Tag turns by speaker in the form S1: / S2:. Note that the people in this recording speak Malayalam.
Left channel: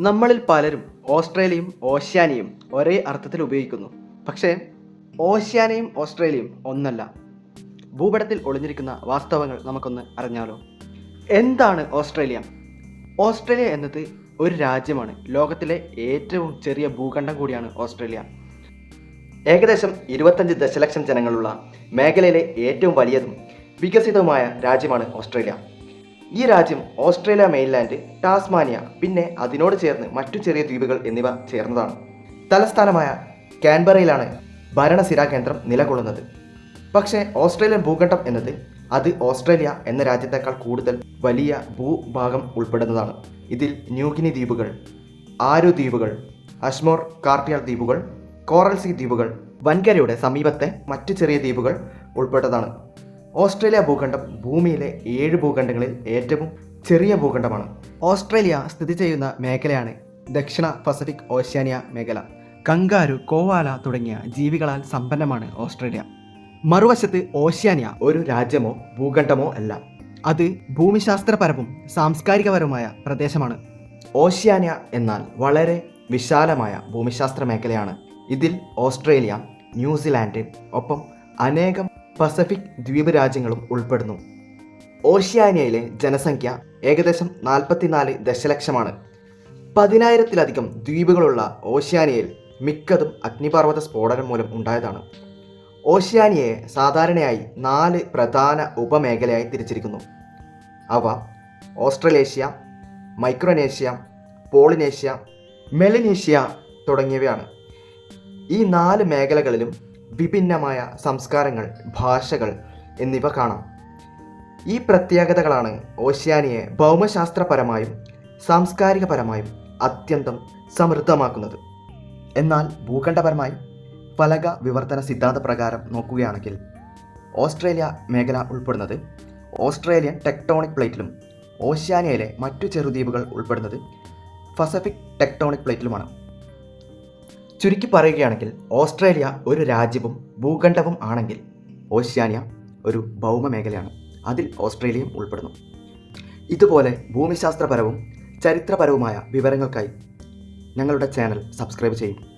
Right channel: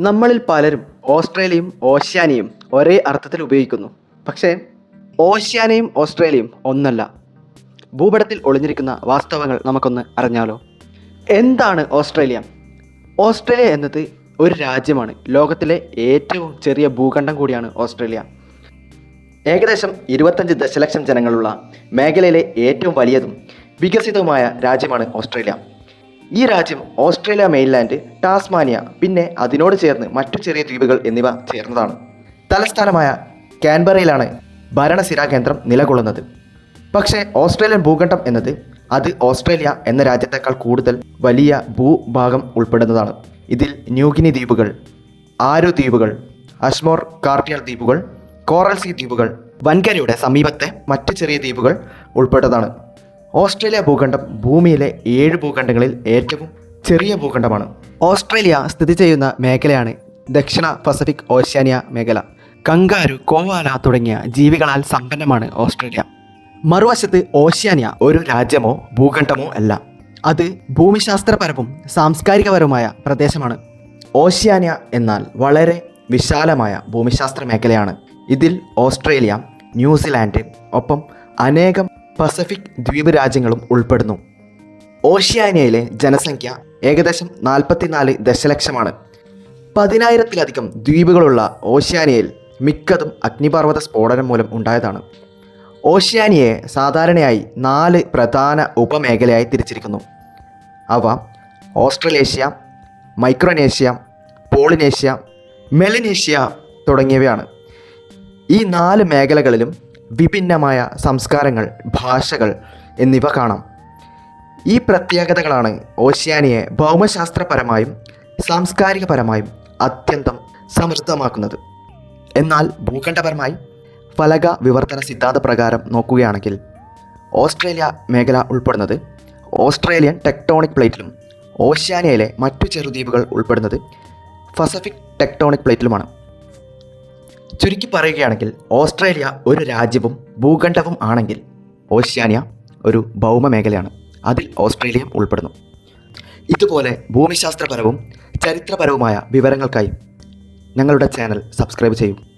S1: നമ്മളിൽ പലരും ഓസ്ട്രേലിയയും ഓഷ്യാനിയും ഒരേ അർത്ഥത്തിൽ ഉപയോഗിക്കുന്നു. പക്ഷേ ഓഷ്യാനയും ഓസ്ട്രേലിയയും ഒന്നല്ല. ഭൂപടത്തിൽ ഒളിഞ്ഞിരിക്കുന്ന വാസ്തവങ്ങൾ നമുക്കൊന്ന് അറിഞ്ഞാലോ? എന്താണ് ഓസ്ട്രേലിയ? ഓസ്ട്രേലിയ എന്നത് ഒരു രാജ്യമാണ്. ലോകത്തിലെ ഏറ്റവും ചെറിയ ഭൂഖണ്ഡം കൂടിയാണ് ഓസ്ട്രേലിയ. ഏകദേശം ഇരുപത്തഞ്ച് ദശലക്ഷം ജനങ്ങളുള്ള മേഖലയിലെ ഏറ്റവും വലിയതും വികസിതവുമായ രാജ്യമാണ് ഓസ്ട്രേലിയ. ഈ രാജ്യം ഓസ്ട്രേലിയ മെയിൻലാൻഡ് ടാസ്മാനിയ പിന്നെ അതിനോട് ചേർന്ന് മറ്റു ചെറിയ ദ്വീപുകൾ എന്നിവ ചേർന്നതാണ്. തലസ്ഥാനമായ കാൻബറയിലാണ് ഭരണസിരാ കേന്ദ്രം നിലകൊള്ളുന്നത്. പക്ഷേ ഓസ്ട്രേലിയൻ ഭൂഖണ്ഡം എന്നത് അത് ഓസ്ട്രേലിയ എന്ന രാജ്യത്തേക്കാൾ കൂടുതൽ വലിയ ഭൂഭാഗം ഉൾപ്പെടുന്നതാണ്. ഇതിൽ ന്യൂഗിനി ദ്വീപുകൾ ആരു ദ്വീപുകൾ അഷ്മോർ കാർട്ടിയർ ദ്വീപുകൾ കോറൽ സീ ദ്വീപുകൾ വൻകരയുടെ സമീപത്തെ മറ്റു ചെറിയ ദ്വീപുകൾ ഉൾപ്പെട്ടതാണ്. ഓസ്ട്രേലിയ ഭൂഖണ്ഡം ഭൂമിയിലെ ഏഴ് ഭൂഖണ്ഡങ്ങളിൽ ഏറ്റവും ചെറിയ ഭൂഖണ്ഡമാണ്. ഓസ്ട്രേലിയ സ്ഥിതി ചെയ്യുന്ന മേഖലയാണ് ദക്ഷിണ പസഫിക് ഓഷ്യാനിയ മേഖല. കങ്കാരു കോവാല തുടങ്ങിയ ജീവികളാൽ സമ്പന്നമാണ് ഓസ്ട്രേലിയ. മറുവശത്ത് ഓഷ്യാനിയ ഒരു രാജ്യമോ ഭൂഖണ്ഡമോ അല്ല. അത് ഭൂമിശാസ്ത്രപരവും സാംസ്കാരികപരവുമായ പ്രദേശമാണ്. ഓഷ്യാനിയ എന്നാൽ വളരെ വിശാലമായ ഭൂമിശാസ്ത്ര മേഖലയാണ്. ഇതിൽ ഓസ്ട്രേലിയ ന്യൂസിലാൻഡ് ഒപ്പം അനേകം പസഫിക് ദ്വീപ് രാജ്യങ്ങളും ഉൾപ്പെടുന്നു. ഓഷ്യാനിയയിലെ ജനസംഖ്യ ഏകദേശം നാൽപ്പത്തിനാല് ദശലക്ഷമാണ്. പതിനായിരത്തിലധികം ദ്വീപുകളുള്ള ഓഷ്യാനിയയിൽ മിക്കതും അഗ്നിപർവത സ്ഫോടനം മൂലം ഉണ്ടായതാണ്. ഓഷ്യാനിയയെ സാധാരണയായി നാല് പ്രധാന ഉപമേഖലയായി തിരിച്ചിരിക്കുന്നു. അവ ഓസ്ട്രലേഷ്യ മൈക്രോനേഷ്യ പോളിനേഷ്യ മെലനേഷ്യ തുടങ്ങിയവയാണ്. ഈ നാല് മേഖലകളിലും വിഭിന്നമായ സംസ്കാരങ്ങൾ ഭാഷകൾ എന്നിവ കാണാം. ഈ പ്രത്യേകതകളാണ് ഓഷ്യാനിയെ ഭൗമശാസ്ത്രപരമായും സാംസ്കാരികപരമായും അത്യന്തം സമൃദ്ധമാക്കുന്നത്. എന്നാൽ ഭൂഖണ്ഡപരമായി ഫലക വിവർത്തന സിദ്ധാന്ത പ്രകാരം നോക്കുകയാണെങ്കിൽ ഓസ്ട്രേലിയ മേഖല ഉൾപ്പെടുന്നത് ഓസ്ട്രേലിയൻ ടെക്ടോണിക് പ്ലേറ്റിലും ഓഷ്യാനിയയിലെ മറ്റു ചെറുദ്വീപുകൾ ഉൾപ്പെടുന്നത് പസഫിക് ടെക്ടോണിക് പ്ലേറ്റിലുമാണ്. ചുരുക്കി പറയുകയാണെങ്കിൽ ഓസ്ട്രേലിയ ഒരു രാജ്യവും ഭൂഖണ്ഡവും ആണെങ്കിൽ ഓഷ്യാനിയ ഒരു ഭൗമ മേഖലയാണ് അതിൽ ഓസ്ട്രേലിയയും ഉൾപ്പെടുന്നു. ഇതുപോലെ ഭൂമിശാസ്ത്രപരവും ചരിത്രപരവുമായ വിവരങ്ങൾക്കായി ഞങ്ങളുടെ ചാനൽ സബ്സ്ക്രൈബ് ചെയ്യും.